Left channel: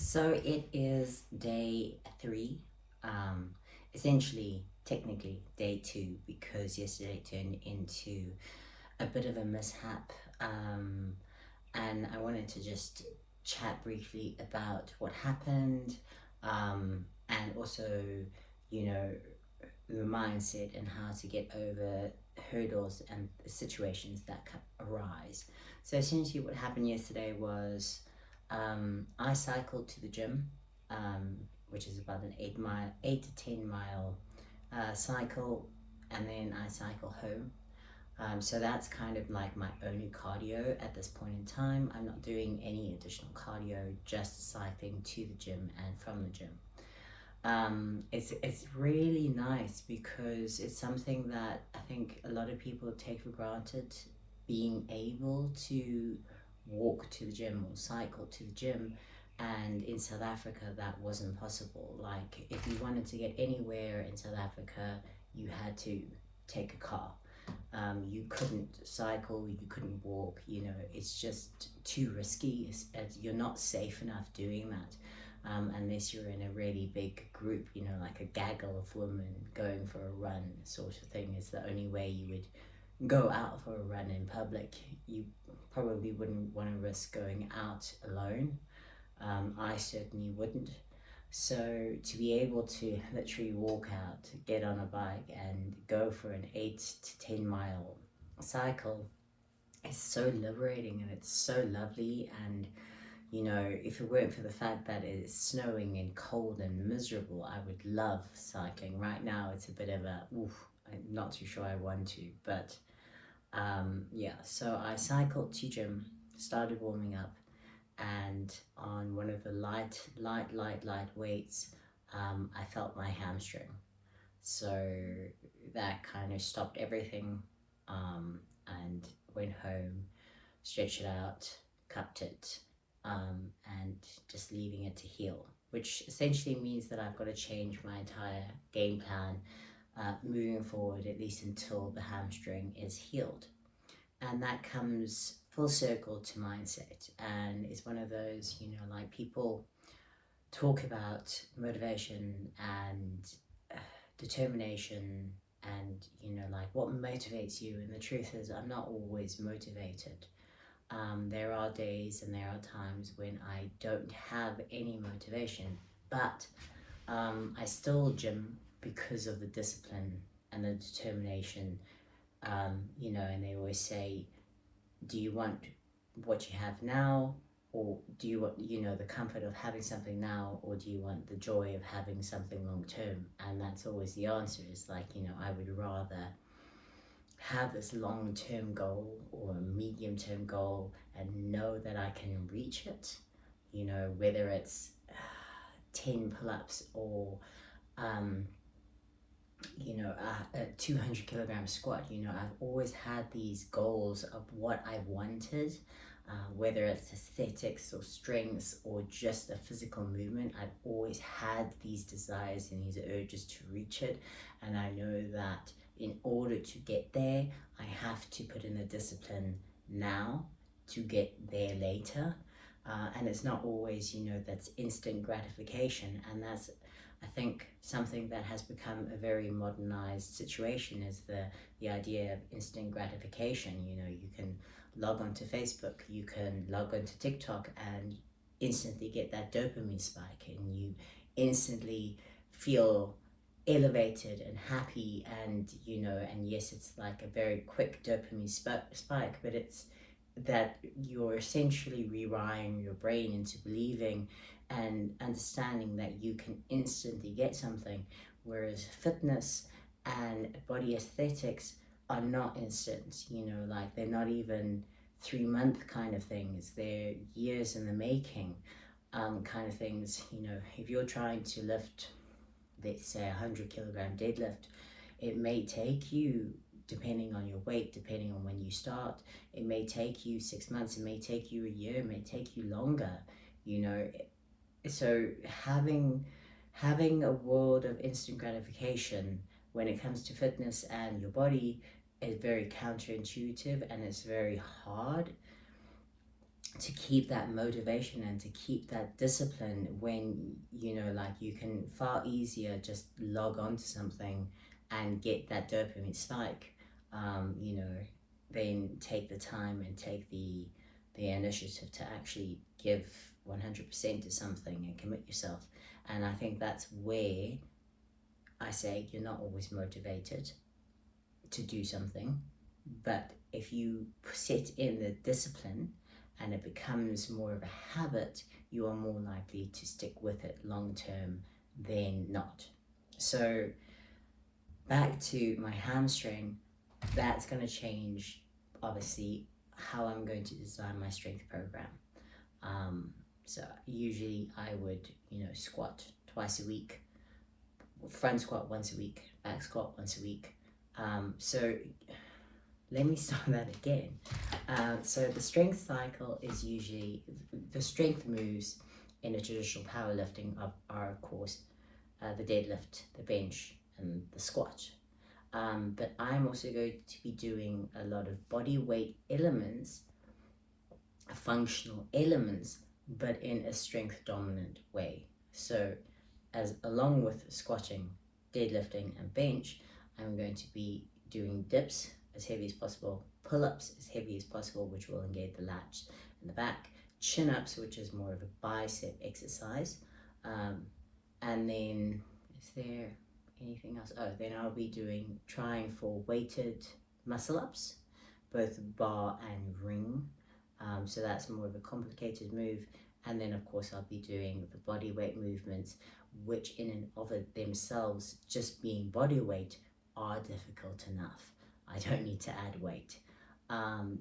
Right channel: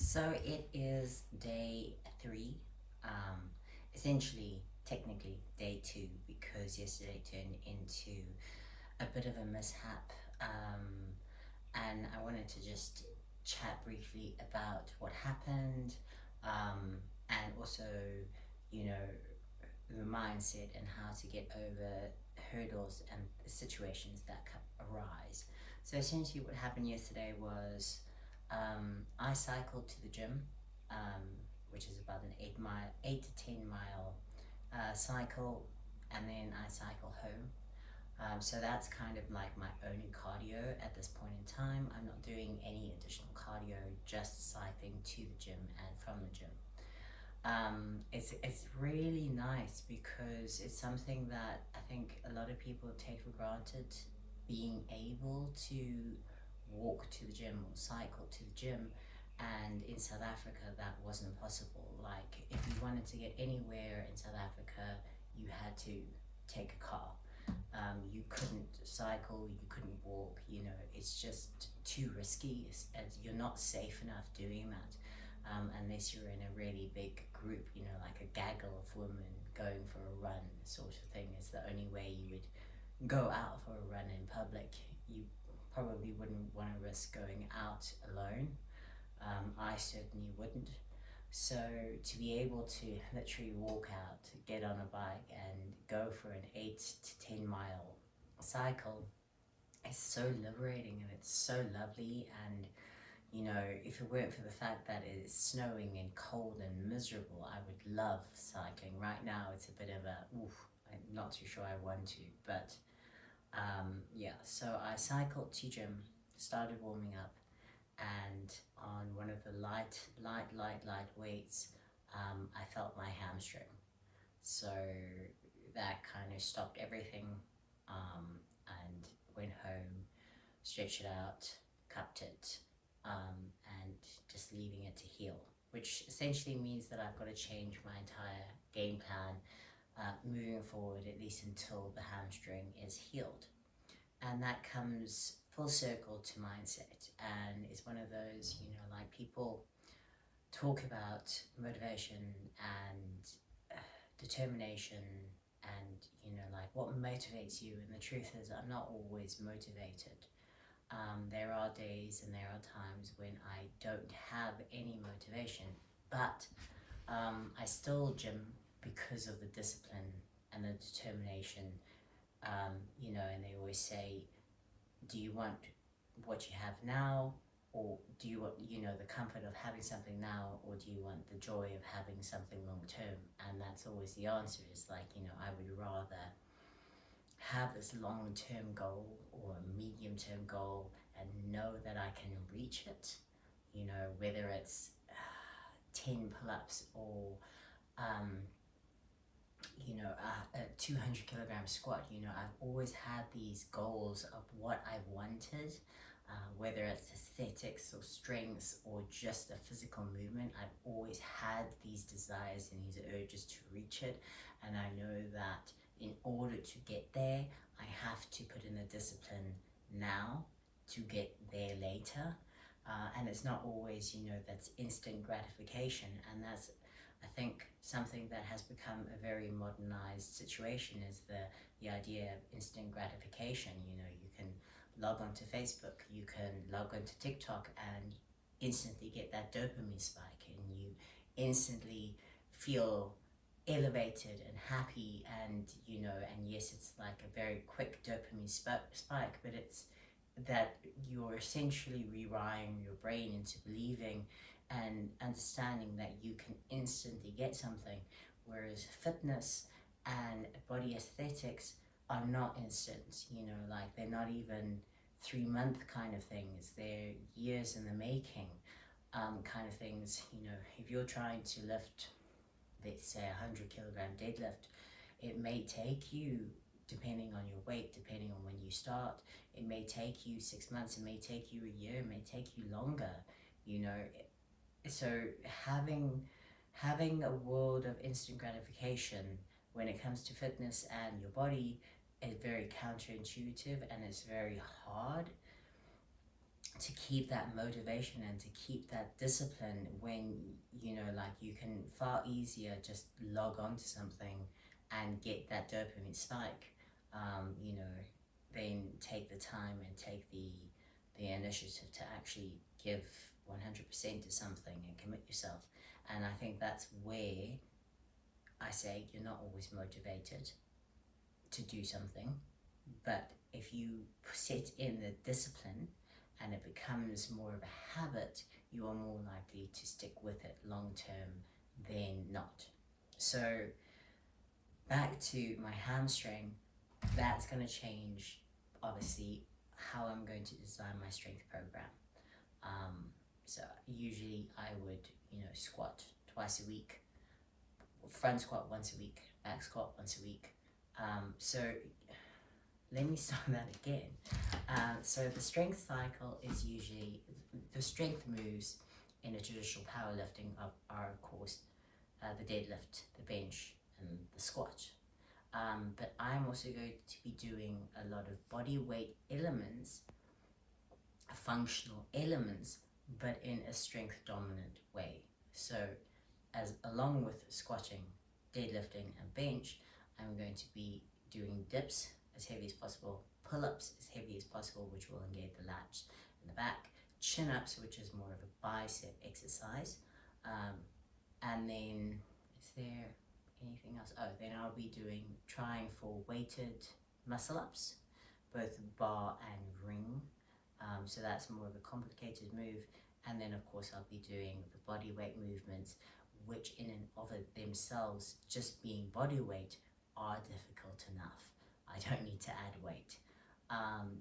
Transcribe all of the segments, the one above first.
So it is day three, um, essentially, technically day two, because yesterday turned into a bit of a mishap. And I wanted to just chat briefly about what happened, and also, you know, the mindset and how to get over hurdles and situations that arise. So essentially, what happened yesterday was I cycled to the gym, which is about an 8 to 10 mile cycle, and then I cycle home. So that's kind of like my only cardio at this point in time. I'm not doing any additional cardio, just cycling to the gym and from the gym. It's really nice because it's something that I think a lot of people take for granted, being able to walk to the gym or cycle to the gym. And in South Africa, that wasn't possible. Like, if you wanted to get anywhere in South Africa, you had to take a car. You couldn't cycle, you couldn't walk, it's just too risky. You're not safe enough doing that, unless you're in a really big group, like a gaggle of women going for a run, sort of thing, is the only way you would go out for a run in public. You probably wouldn't want to risk going out alone. I certainly wouldn't. So to be able to literally walk out, get on a bike, and go for an 8 to 10 mile cycle is so liberating, and it's so lovely. And if it weren't for the fact that it's snowing and cold and miserable, I would love cycling. Right now, it's a bit of a oof. I'm not too sure I want to, but yeah. So I cycled to gym, started warming up, and on one of the light weights, I felt my hamstring. So that kind of stopped everything, and went home, stretched it out, cupped it, and just leaving it to heal, which essentially means that I've got to change my entire game plan moving forward, at least until the hamstring is healed. And that comes full circle to mindset. And it's one of those, like, people talk about motivation and determination and, like, what motivates you. And the truth is, I'm not always motivated. There are days and there are times when I don't have any motivation, but I still gym because of the discipline and the determination. And they always say, do you want what you have now, or do you want, the comfort of having something now, or do you want the joy of having something long term? And that's always the answer, is like, I would rather have this long term goal or a medium term goal and know that I can reach it, whether it's 10 pull ups or a 200 kilogram squat. I've always had these goals of what I wanted, whether it's aesthetics or strengths or just a physical movement. I've always had these desires and these urges to reach it, and I know that in order to get there, I have to put in the discipline now to get there later. And it's not always, that's instant gratification. And that's, I think, something that has become a very modernized situation, is the idea of instant gratification. You can log onto Facebook, you can log onto TikTok, and instantly get that dopamine spike, and you instantly feel elevated and happy. And and yes, it's like a very quick dopamine spike, but it's that you're essentially rewiring your brain into believing and understanding that you can instantly get something, whereas fitness and body aesthetics are not instant. Like, they're not even 3 month kind of things, they're years in the making, kind of things. If you're trying to lift, let's say, 100 kilogram deadlift, it may take you, depending on your weight, depending on when you start, it may take you 6 months, it may take you a year, it may take you longer. So having a world of instant gratification when it comes to fitness and your body is very counterintuitive, and it's very hard. to keep that motivation and to keep that discipline when, you know, like you can far easier just log on to something and get that dopamine spike, you know, then take the time and take the initiative to actually give 100% to something and commit yourself. And I think that's where I say you're not always motivated to do something, but if you set in the discipline and it becomes more of a habit, you are more likely to stick with it long term than not. So back to my hamstring, that's going to change obviously how I'm going to design my strength program. So usually I would, you know, squat twice a week, front squat once a week, back squat once a week. So let me start that again. So the strength cycle is usually, the strength moves in a traditional powerlifting are of course the deadlift, the bench, and the squat. But I'm also going to be doing a lot of body weight elements, functional elements, but in a strength dominant way. So as along with squatting, deadlifting, and bench, I'm going to be doing dips as heavy as possible, pull-ups as heavy as possible, which will engage the lats in the back, chin-ups, which is more of a bicep exercise, and then is there anything else? Oh, then I'll be trying for weighted muscle-ups, both bar and ring, so that's more of a complicated move. And then of course I'll be doing the body weight movements, which in and of themselves, just being body weight, are difficult enough. I don't need to add weight,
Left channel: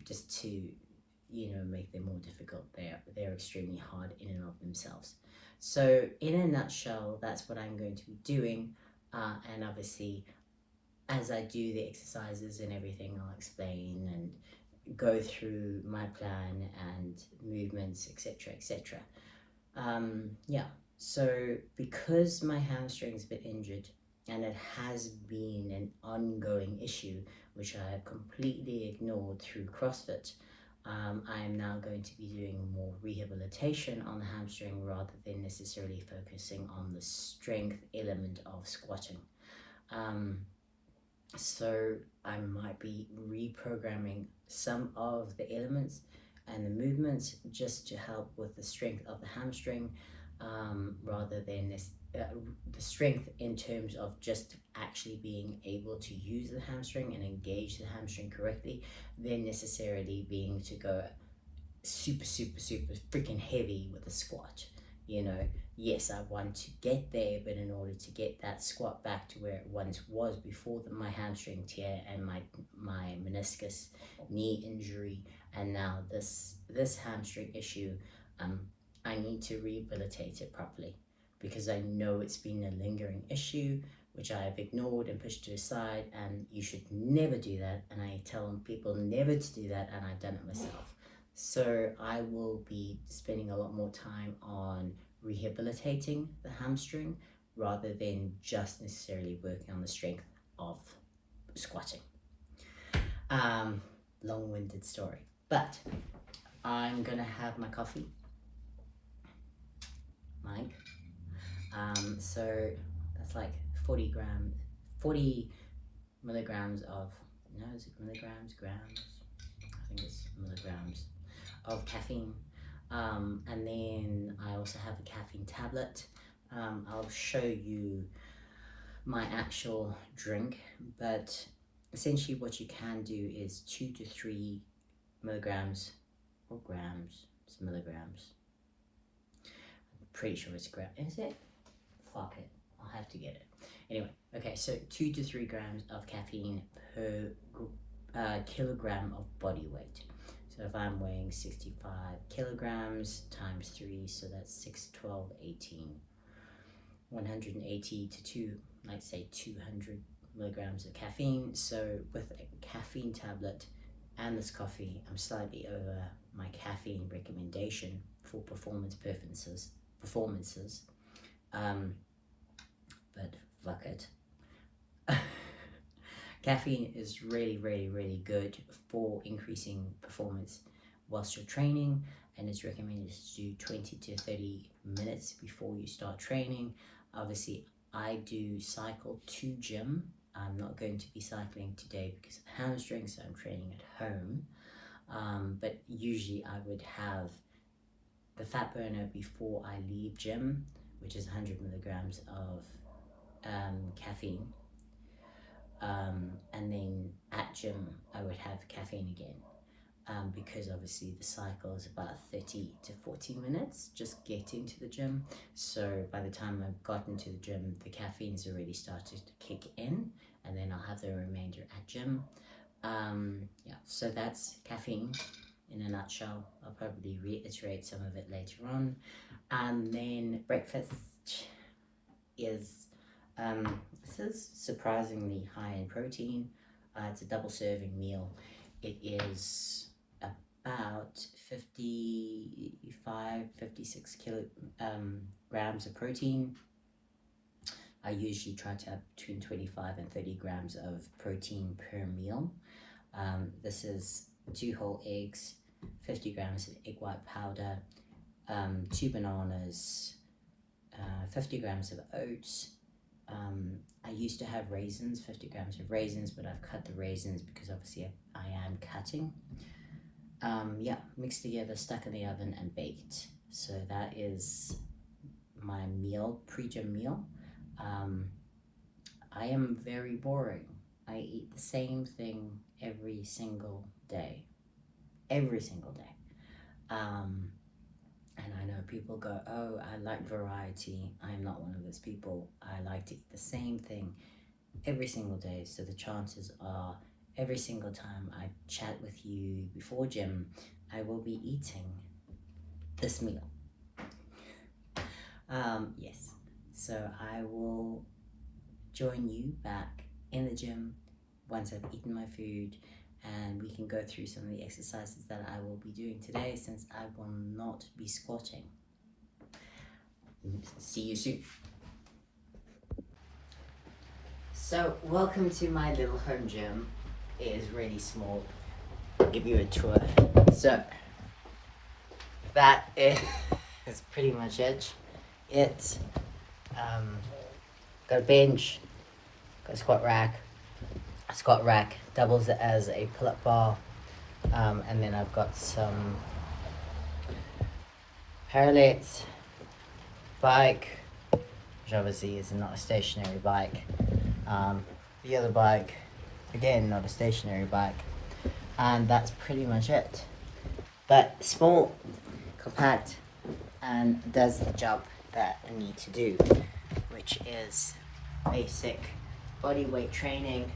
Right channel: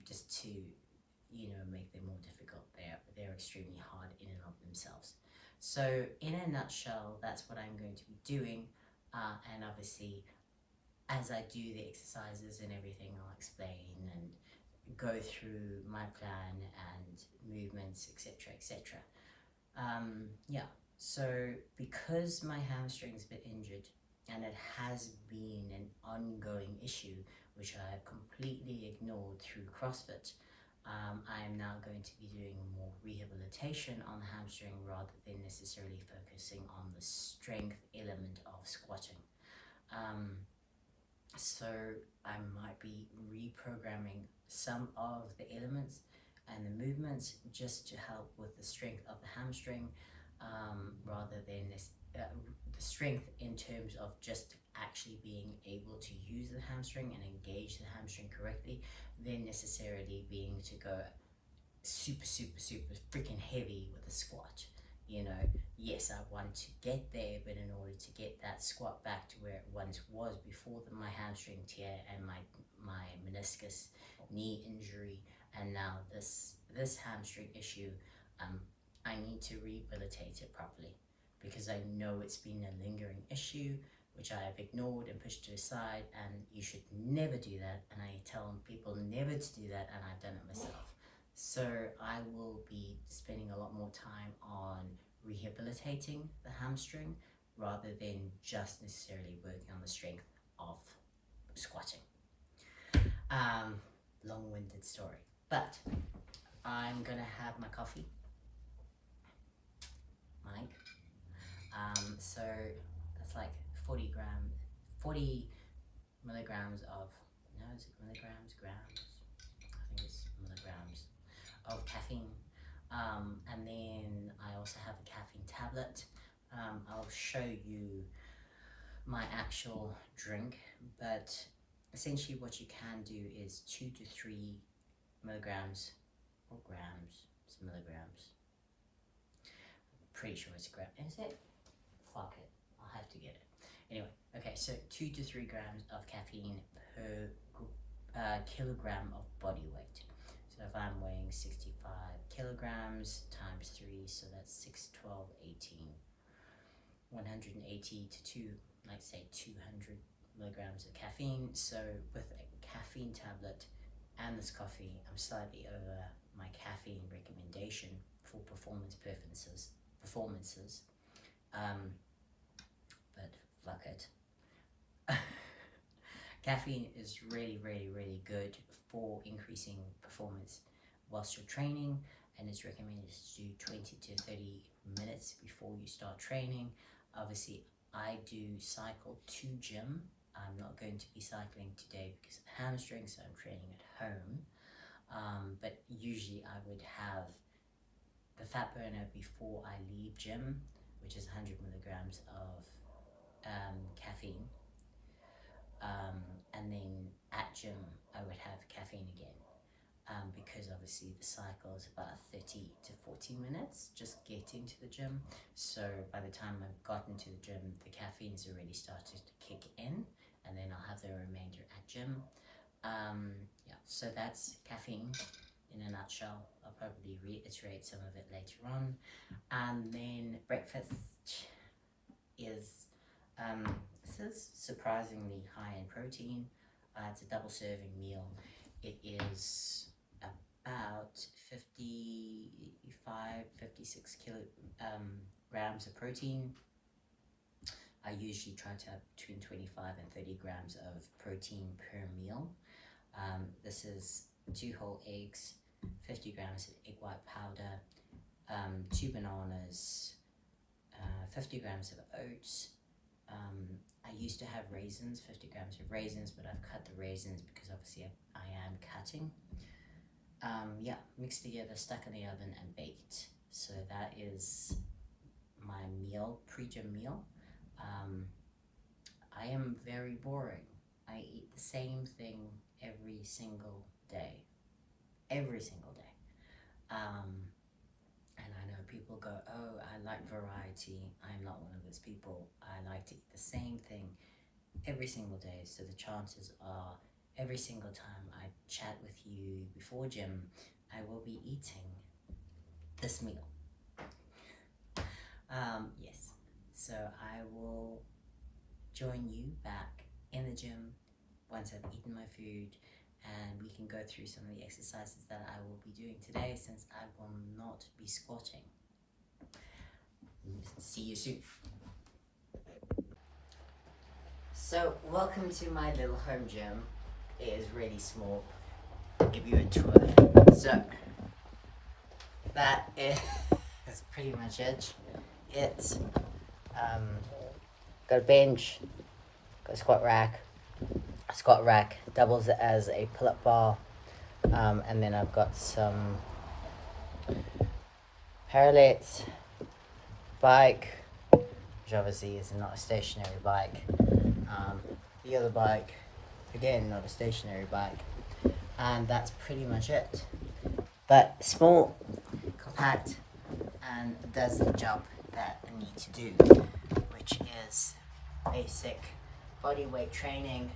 just to, you know, make them more difficult. They're extremely hard in and of themselves. So in a nutshell, that's what I'm going to be doing, and obviously as I do the exercises and everything, I'll explain and go through my plan and movements, etc, etc. Yeah, so because my hamstring's a bit injured and it has been an ongoing issue which I have completely ignored through CrossFit, I am now going to be doing more rehabilitation on the hamstring rather than necessarily focusing on the strength element of squatting. So I might be reprogramming some of the elements and the movements just to help with the strength of the hamstring, rather than the strength in terms of just actually being able to use the hamstring and engage the hamstring correctly, then necessarily being to go super freaking heavy with a squat. You know, yes, I want to get there, but in order to get that squat back to where it once was before my hamstring tear and my meniscus knee injury, and now this hamstring issue, I need to rehabilitate it properly, because I know it's been a lingering issue which I have ignored and pushed to the side, and you should never do that, and I tell people never to do that, and I've done it myself. So I will be spending a lot more time on rehabilitating the hamstring rather than just necessarily working on the strength of squatting. Long-winded story, but I'm gonna have my coffee, Mike. So that's like 40 milligrams of, no, is it milligrams, grams? I think it's milligrams of caffeine, and then I also have a caffeine tablet. I'll show you my actual drink, but essentially what you can do is 2 to 3 milligrams or grams. It's milligrams. I'm pretty sure it's gram. Is it? Fuck it. I'll have to get it. Anyway, okay, so 2 to 3 grams of caffeine per kilogram of body weight. So if I'm weighing 65 kilograms times 3, so that's 6, 12, 18, 180 to 2, I'd say 200 milligrams of caffeine. So with a caffeine tablet and this coffee, I'm slightly over my caffeine recommendation for performances. But fuck it. Caffeine is really good for increasing performance whilst you're training, and it's recommended to do 20 to 30 minutes before you start training. Obviously, I do cycle to gym. I'm not going to be cycling today because of hamstrings, so I'm training at home. But usually I would have the fat burner before I leave gym, which is 100 milligrams of caffeine. And then at gym, I would have caffeine again. Because obviously the cycle is about 30 to 40 minutes just getting to the gym. So by the time I've gotten to the gym, the caffeine's already started to kick in, and then I'll have the remainder at gym. Yeah, so that's caffeine in a nutshell. I'll probably reiterate some of it later on. And then breakfast is, this is surprisingly high in protein. It's a double serving meal. It is about 56 grams of protein. I usually try to have between 25 and 30 grams of protein per meal. This is 2 whole eggs, 50 grams of egg white powder, 2 bananas, 50 grams of oats. I used to have raisins, 50 grams of raisins, but I've cut the raisins because obviously I am cutting. Yeah, mixed together, stuck in the oven and baked. So that is my meal, pre-gym meal. I am very boring. I eat the same thing every single day. Every single day. And I know people go, oh, I like variety. I'm not one of those people. I like to eat the same thing every single day. So the chances are every single time I chat with you before gym, I will be eating this meal. Yes, so I will join you back in the gym once I've eaten my food, and we can go through some of the exercises that I will be doing today, since I will not be squatting. See you soon. So welcome to my little home gym. It is really small. I'll give you a tour. So that is pretty much it. It's got a bench, got a squat rack. Squat rack doubles as a pull-up bar, and then I've got some parallettes, bike, which obviously is not a stationary bike. The other bike, again, not a stationary bike, and that's pretty much it. But small, compact, and does the job that I need to do, which is basic body weight training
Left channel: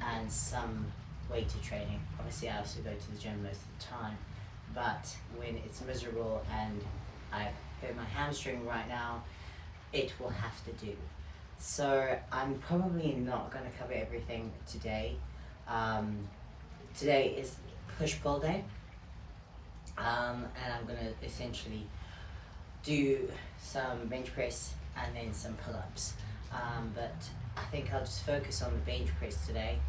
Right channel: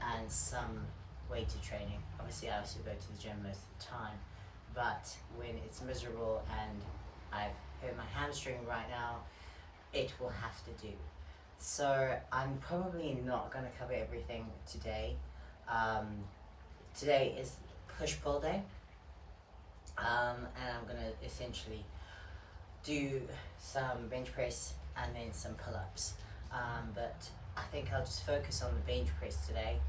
and some weighted training. Obviously I also go to the gym most of the time, but when it's miserable and I've hurt my hamstring right now, it will have to do. So I'm probably not going to cover everything today. Today is push-pull day, and I'm going to essentially do some bench press and then some pull-ups, but I think I'll just focus on the bench press today.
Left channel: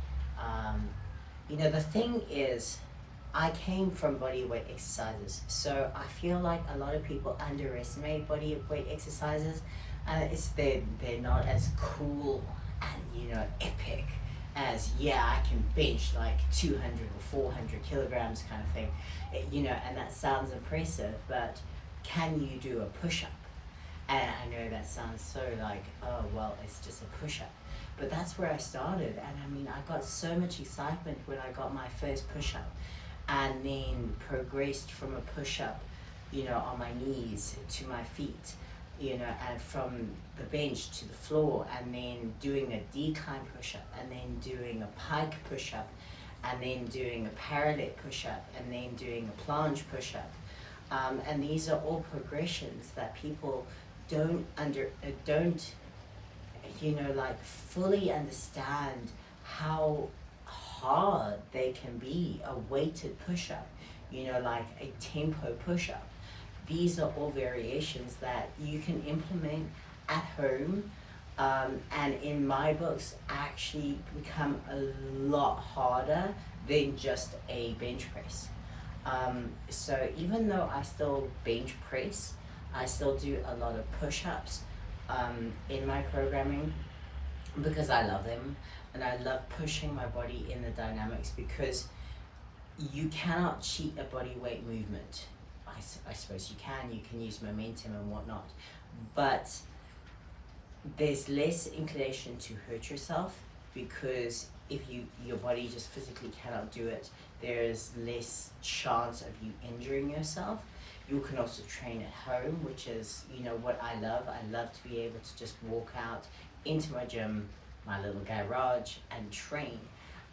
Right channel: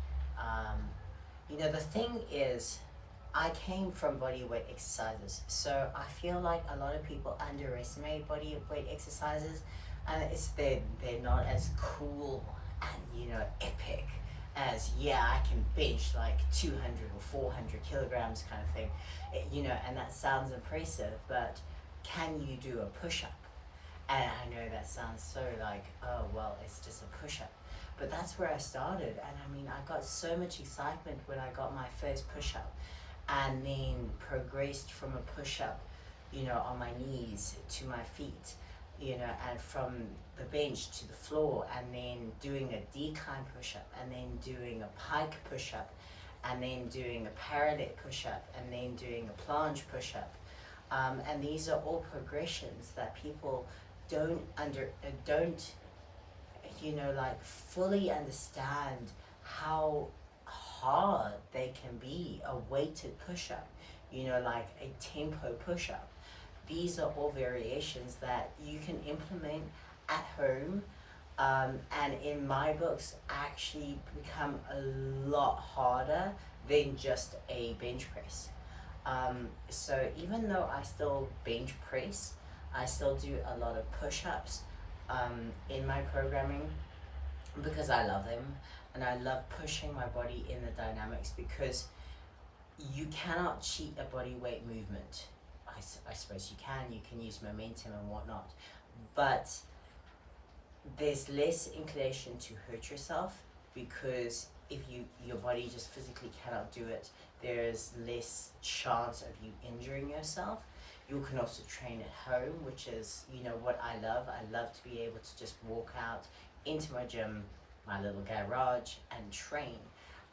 You know, the thing is, I came from body weight exercises, so I feel like a lot of people underestimate body weight exercises, and they're not as cool and, you know, epic as, yeah, I can bench like 200 or 400 kilograms kind of thing, you know, and that sounds impressive, but can you do a push-up? And I know that sounds so like, oh, well, it's just a push-up. But that's where I started, and I mean, I got so much excitement when I got my first push-up, and then progressed from a push-up, you know, on my knees to my feet, you know, and from the bench to the floor, and then doing a decline push-up, and then doing a pike push-up, and then doing a parallel push-up, and then doing a planche push-up. And these are all progressions that people don't you know, like fully understand how hard they can be. A weighted push-up, you know, like a tempo push-up. These are all variations that you can implement at home, and in my books actually become a lot harder than just a bench press. So even though I still bench press, I still do a lot of push-ups in my programming because I love them, and I love pushing my body in the dynamics, because you cannot cheat a body weight movement. I suppose you can use momentum and whatnot, but there's less inclination to hurt yourself, because if your body just physically cannot do it, there is less chance of you injuring yourself. You can also train at home, which is, you know, what I love. I love to be able to just walk out into my gym, my little garage, and train.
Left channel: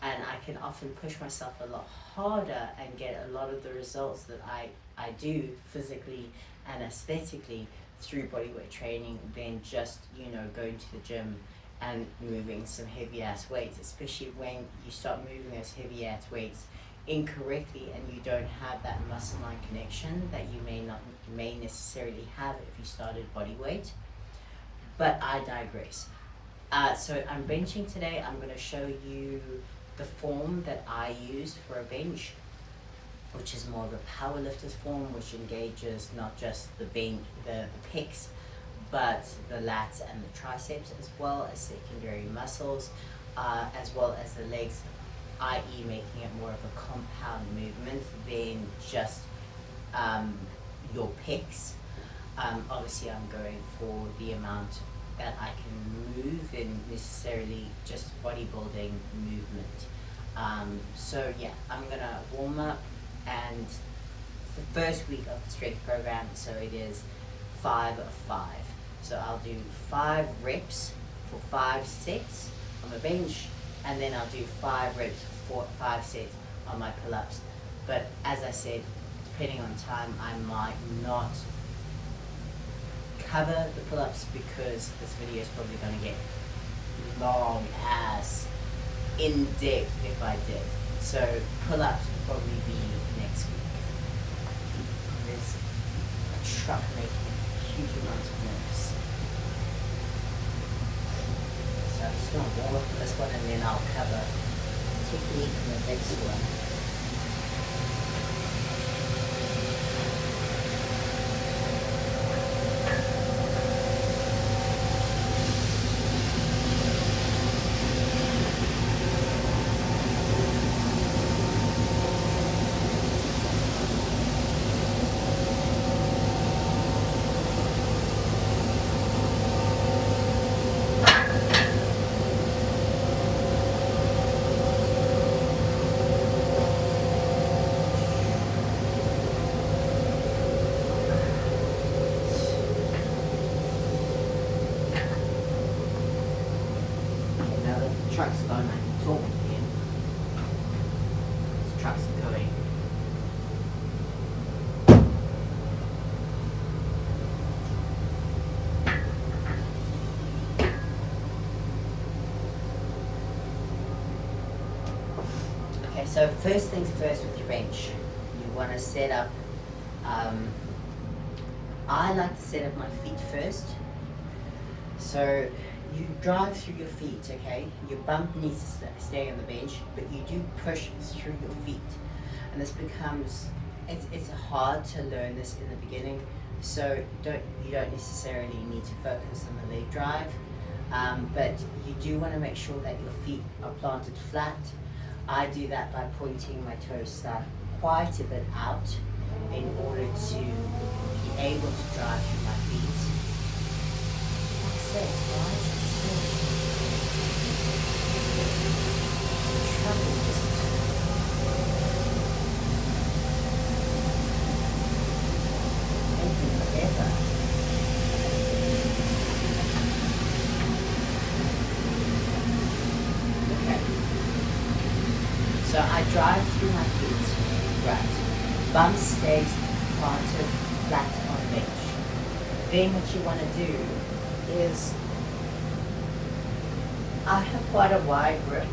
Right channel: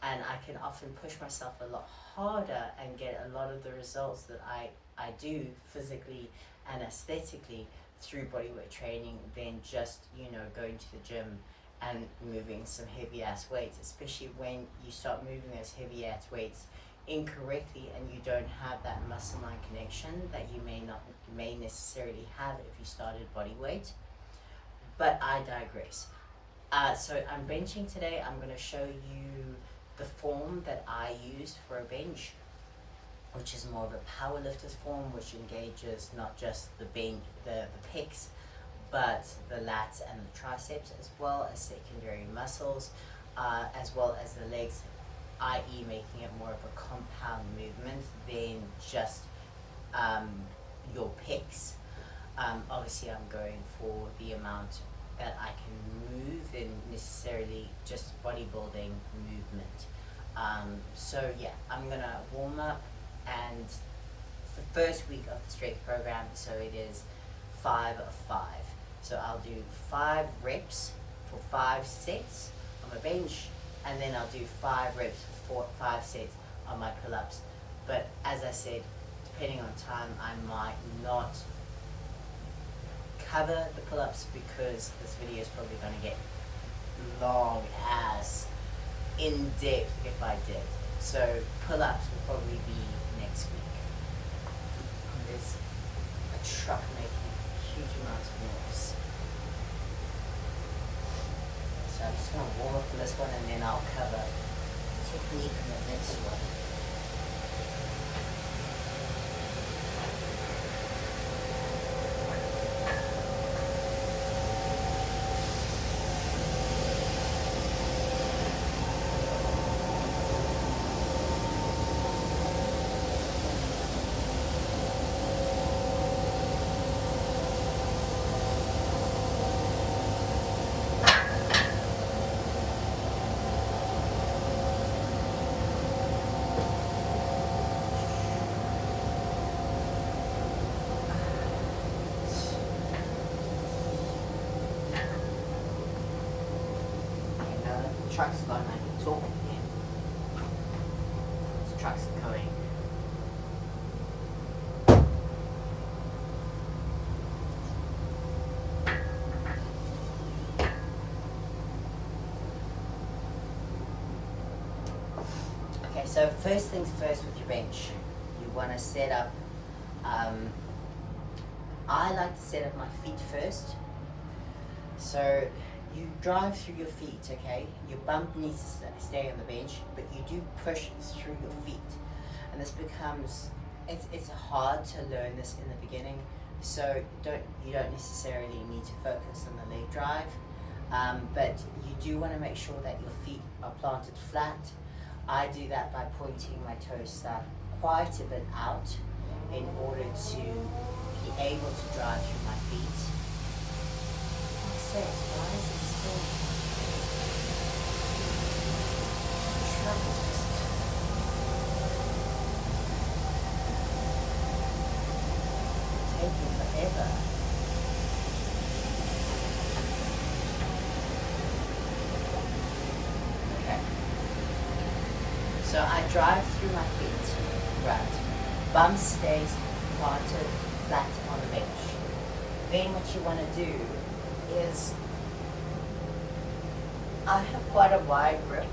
And I can often push myself a lot harder and get a lot of the results that I do physically and aesthetically through bodyweight training than just, you know, going to the gym and moving some heavy ass weights, especially when you start moving those heavy ass weights incorrectly and you don't have that muscle mind connection that you may necessarily have if you started bodyweight. But I digress. So I'm benching today. I'm going to show you the form that I used for a bench, which is more of a powerlifter's form, which engages not just the pecs, but the lats and the triceps, as well as secondary muscles, as well as the legs, i.e. making it more of a compound movement than just your pecs. Obviously I'm going for the amount that I can move in necessarily just bodybuilding movement. So yeah, I'm gonna warm up, and the first week of the strength program, so it is 5 of 5. So I'll do 5 reps for 5 sets on my bench, and then I'll do 5 reps for 5 sets on my pull-ups. But as I said, depending on time, I might not cover the pull-ups because this video is probably going to get long ass in depth if I did. So pull-ups will probably be next week. There's a truck making huge amounts of noise. So I'm just going to warm up for this one, and then I'll cover technique in the next one. Trucks are going like talking again. The trucks are going. Okay, so first things first with your bench. You want to set up, I like to set up my feet first. So you drive through your feet, okay? Your bump needs to stay on the bench, but you do push through your feet. And this becomes, it's hard to learn this in the beginning, so you don't necessarily need to focus on the leg drive, but you do want to make sure that your feet are planted flat. I do that by pointing my toes quite a bit out in order to be able to drive through my feet. Why is it still? The truck is just taking forever. Okay. So I drive through my feet. Right. Bum stays planted flat on the bench. Then what you want to do is, I have quite a wide grip.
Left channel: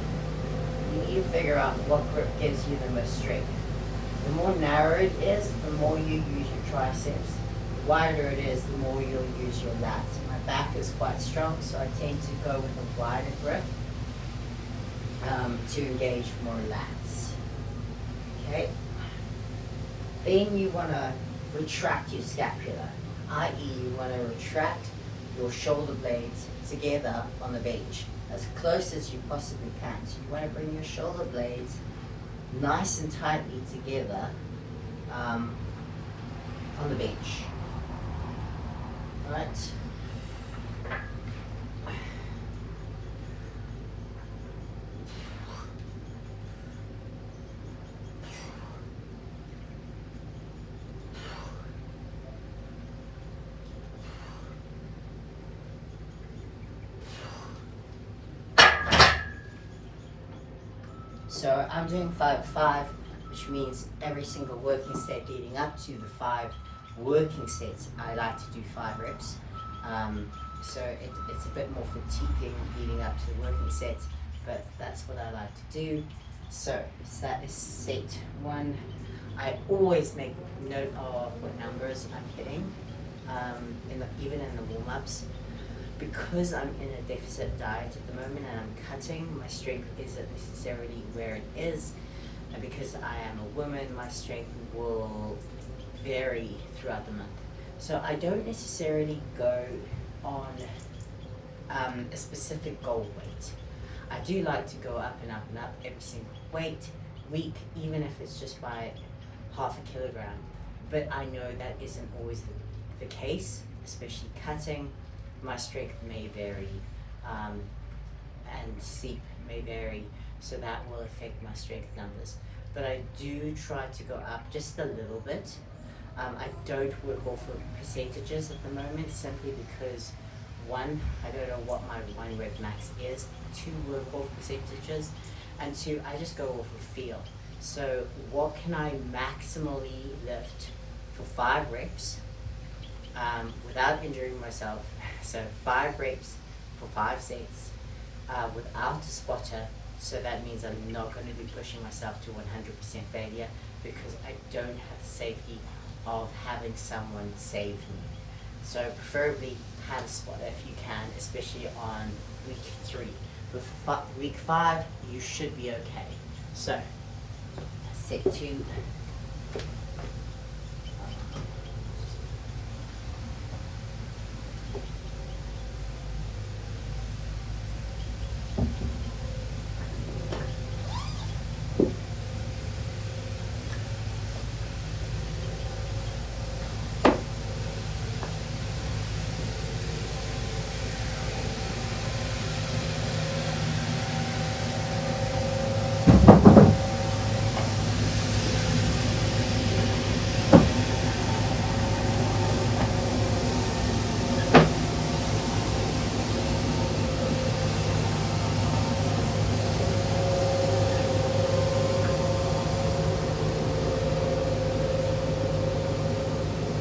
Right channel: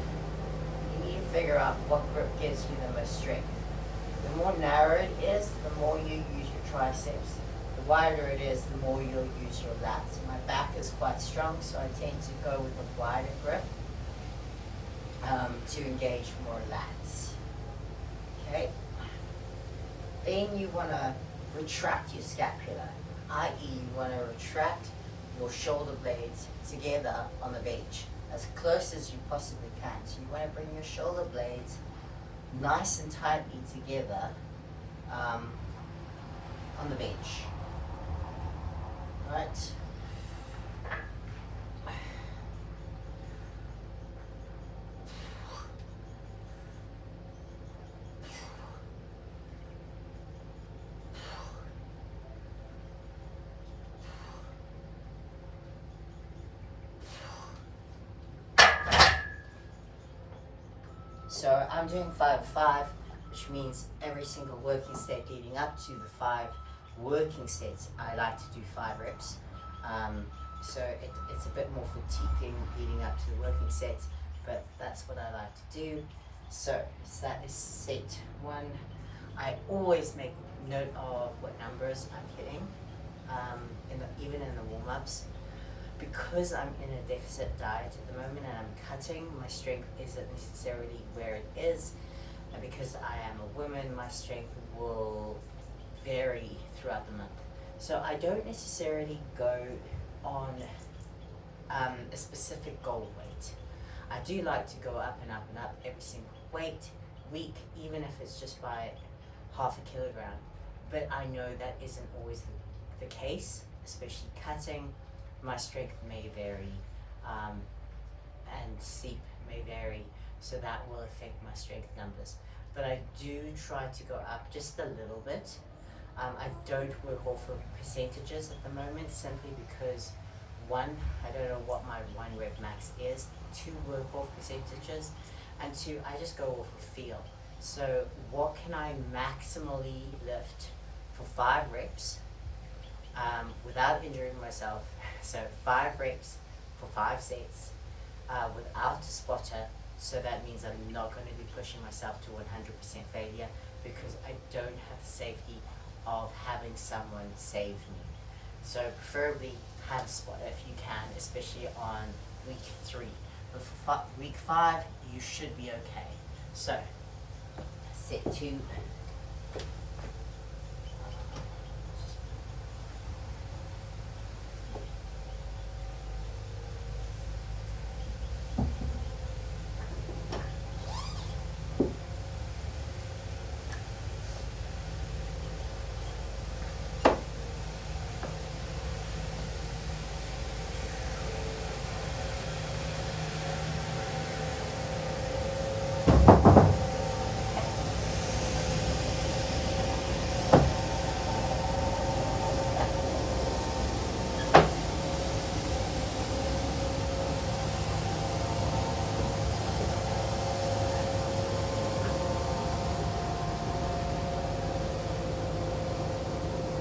You need to figure out what grip gives you the most strength. The more narrow it is, the more you use your triceps. The wider it is, the more you'll use your lats. My back is quite strong, so I tend to go with a wider grip to engage more lats. Okay. Then you want to retract your scapula, i.e. you want to retract your shoulder blades together on the bench as close as you possibly can. So you want to bring your shoulder blades nice and tightly together on the bench. Right? So I'm doing 5-5, which means every single working set leading up to the 5 working sets, I like to do 5 reps. So it's a bit more fatiguing leading up to the working sets, but that's what I like to do. So that is set 1. I always make note of what numbers I'm hitting, even in the warm-ups. Because I'm in a deficit diet at the moment and I'm cutting, my strength isn't necessarily where it is. And because I am a woman, my strength will vary throughout the month. So I don't necessarily go on a specific goal weight. I do like to go up and up and up every single week, even if it's just by half a kilogram. But I know that isn't always the case, especially cutting. My strength may vary and sleep may vary, so that will affect my strength numbers. But I do try to go up just a little bit. I don't work off of percentages at the moment, simply because 1, I don't know what my 1 rep max is, 2, work off percentages, and 2, I just go off of feel. So what can I maximally lift for 5 reps without injuring myself? So 5 reps for 5 sets without a spotter. So that means I'm not going to be pushing myself to 100% failure, because I don't have the safety of having someone save me. So preferably have a spotter if you can, especially on week 3. But for week 5, you should be okay. So set 2.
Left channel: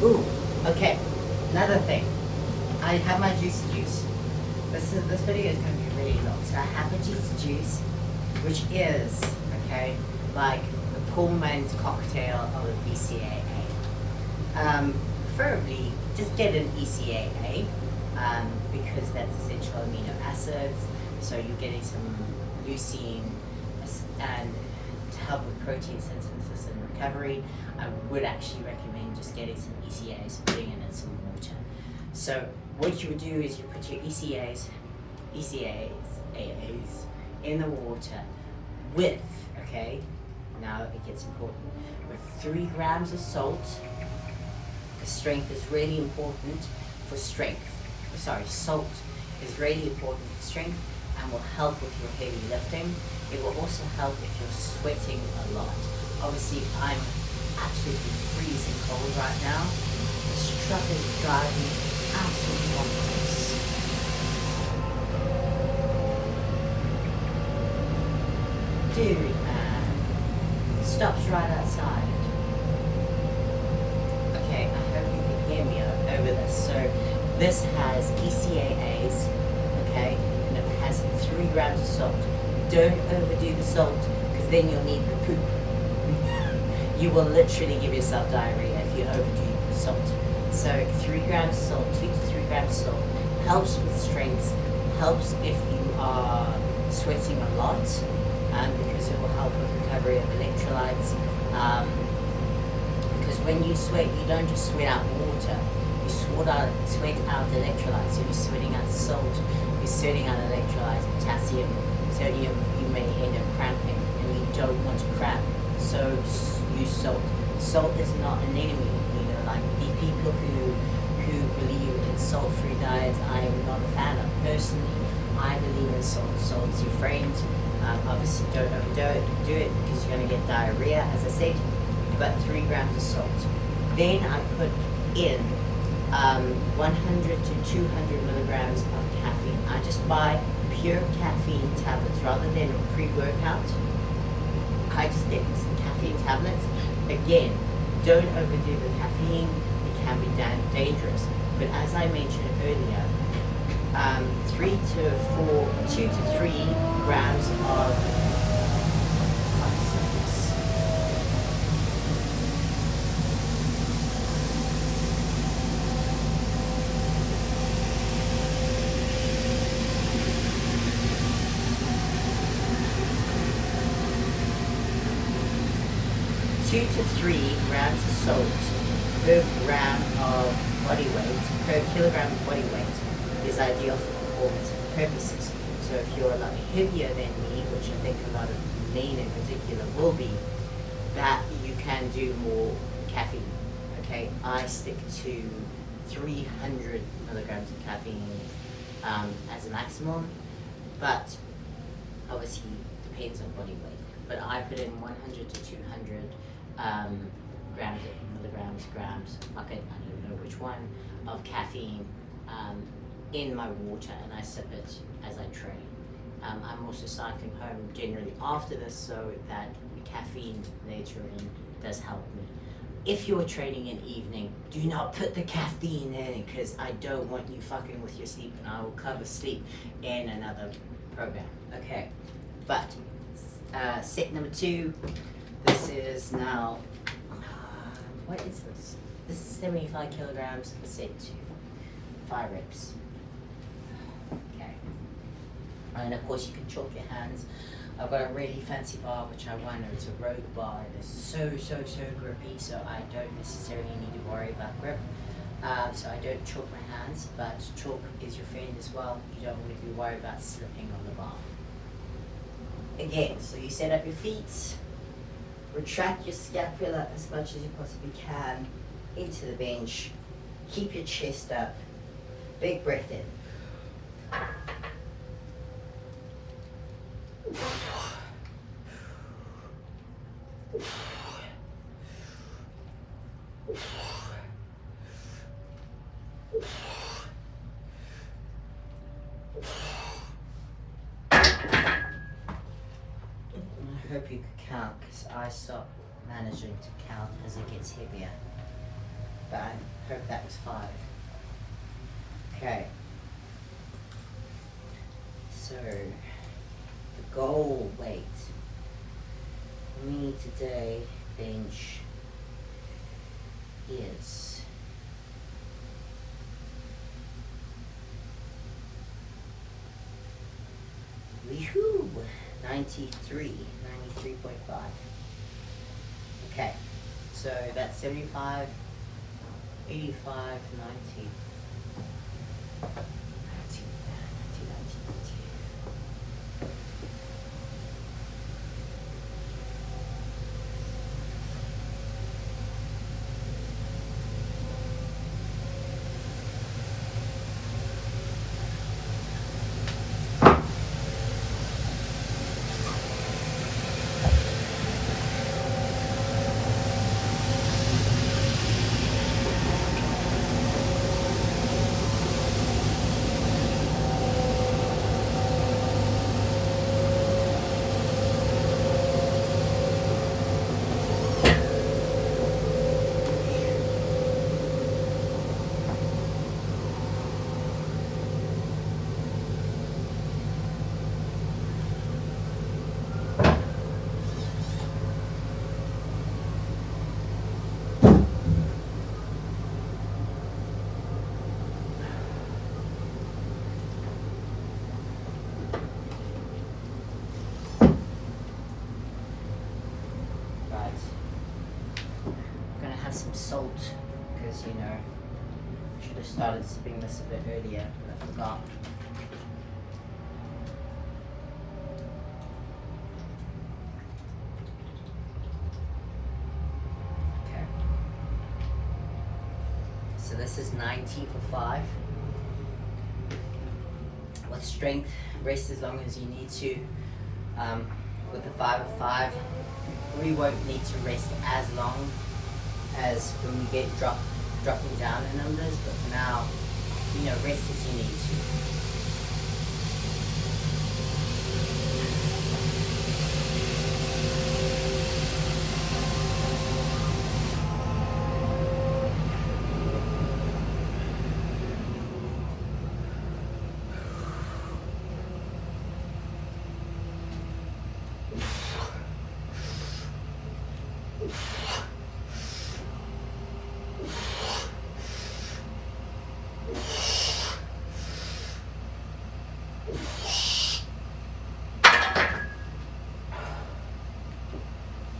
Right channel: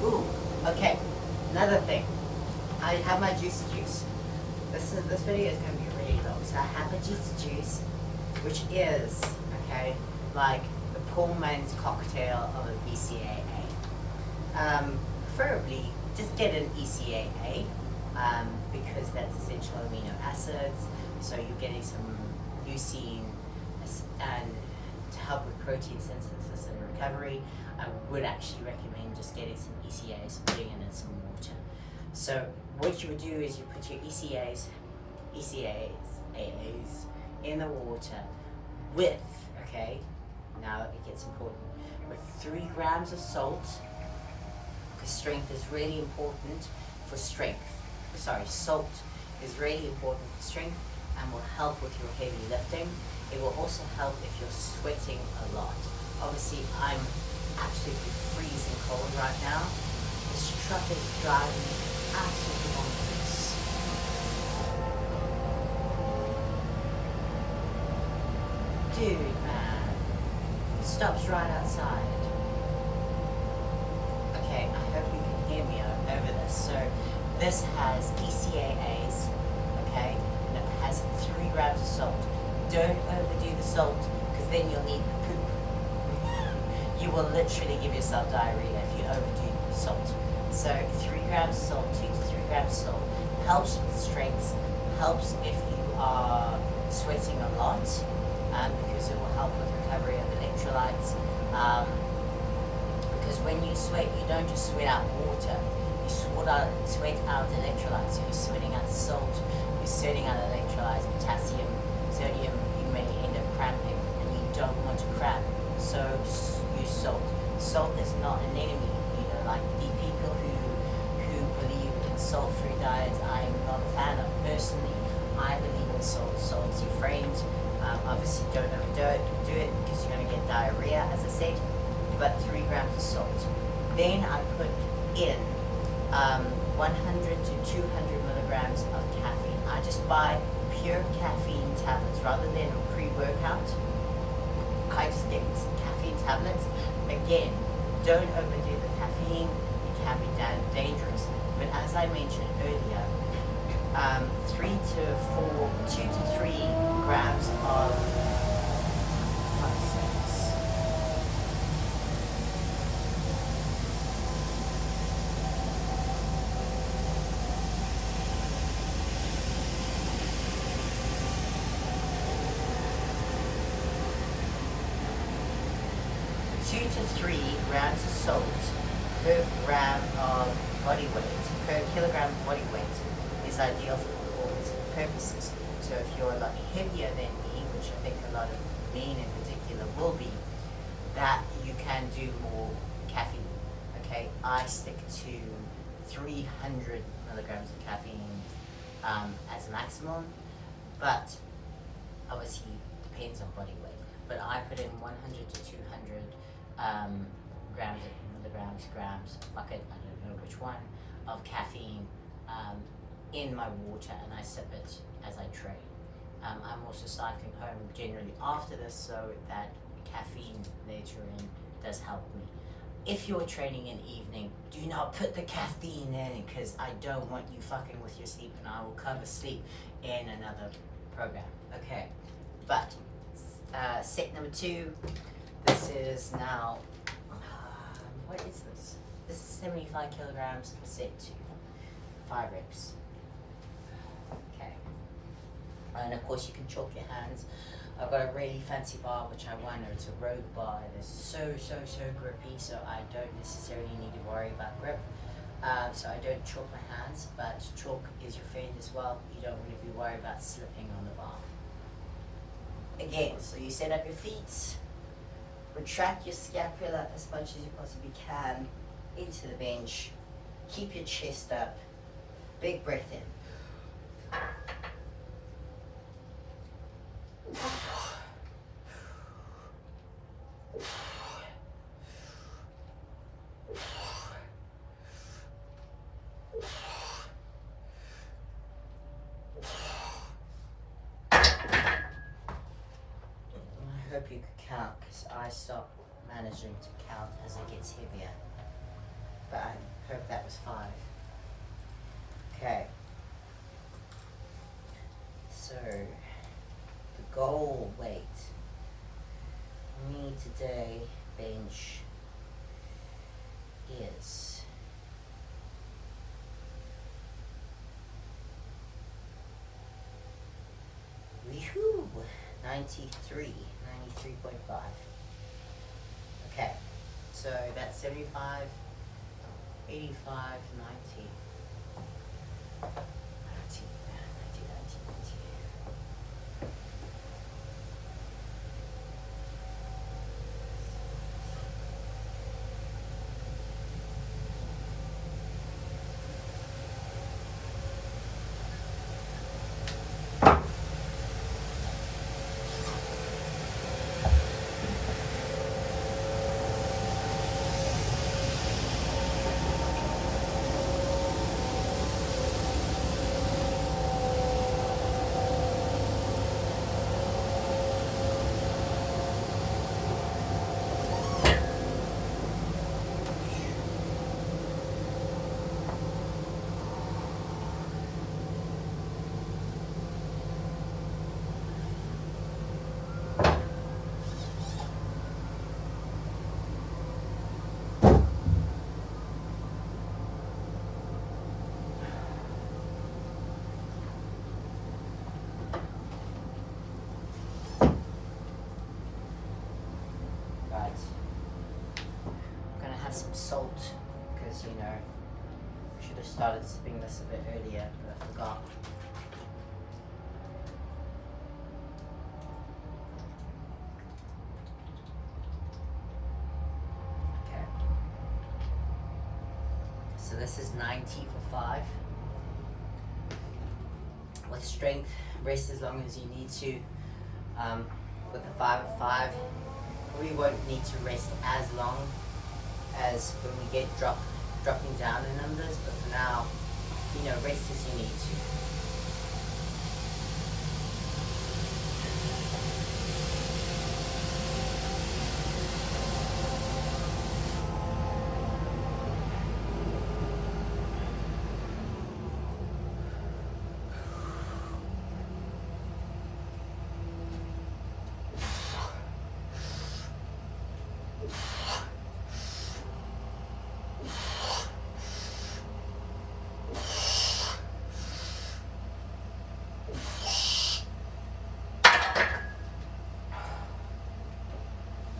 Ooh, okay, another thing. I have my juicy juice. This video is going to be really long. So I have a juicy juice, which is, okay, like the Pullman's cocktail of an ECAA. Preferably, just get an ECAA, because that's essential amino acids. So you're getting some leucine and to help with protein synthesis and recovery. I would actually recommend just getting some ECAs and putting in some water. So what you would do is you put your ECAs in the water with, okay, now it gets important, with 3 grams of salt, because strength is really important for strength. Sorry, salt is really important for strength and will help with your heavy lifting. It will also help if you're sweating a lot. Obviously, I'm absolutely freezing cold right now. This truck is driving me absolutely bonkers. Dude, man. Stops right outside. Okay, I hope you can hear me over this. So, this has ECAAs, okay, and it has 3 grams of salt. Don't overdo the salt, because then you'll need the poop. You will literally give yourself diarrhea if you overdo salt. So 3 grams of salt, 2 to 3 grams of salt, helps with strength, helps if you are sweating a lot, because it will help with recovery of electrolytes. Because when you sweat, you don't just sweat out water. You sweat out electrolytes. So you're sweating out salt. You're sweating out electrolytes, potassium, sodium. You may end up cramping, and you don't want to cramp. So use salt. Salt is not an enemy. You know, like the people who believe in salt-free diets, I am not a fan of. Personally, I believe in salt. Salt's your friend. Obviously, don't overdo it. Do it because you're going to get diarrhea, as I said. But 3 grams of salt. Then I put in 100 to 200 milligrams of caffeine. I just buy pure caffeine tablets rather than a pre-workout. I just get some caffeine tablets. Again, don't overdo the caffeine. It can be dangerous. But as I mentioned earlier, 2 to 3 grams of 2 to 3 grams of salt per gram of body weight, per kilogram of body weight is ideal for performance purposes. So if you're a lot heavier than me, which I think a lot of men in particular will be, that you can do more caffeine. Okay, I stick to 300 milligrams of caffeine as a maximum, but obviously depends on body weight. But I put in 100 to 200 grams, fuck it, I don't know which one, of caffeine in my water, and I sip it as I train. I'm also cycling home generally after this, so that caffeine later in does help me. If you're training in the evening, do not put the caffeine in, because I don't want you fucking with your sleep, and I will cover sleep in another program. Okay, but set number 2, this is now, what is this? This is 75 kilograms for set 2, 5 reps. Okay, and of course you can chalk your hands. I've got a really fancy bar which I wanted to row the bar, and it's so grippy, so I don't necessarily need to worry about grip. So I don't chalk my hands, but chalk is your friend as well. You don't want to be worried about slipping on the bar. Again, so you set up your feet, retract your scapula as much as you possibly can into the bench, keep your chest up, big breath in. I hope you could count, because I stop managing to count as it gets heavier. But I hope that was 5. Okay. So, the goal weight for me today, bench, is 93.5. Okay, so that's 75, 85, 90. 90. salt, because you know, I should have started sipping this a bit earlier, but I forgot. Okay. So this is 90 for 5. With strength, rest as long as you need to. With the 5 of 5, we won't need to rest as long as when we get dropping down in numbers, but for now, you know, rest as you need to.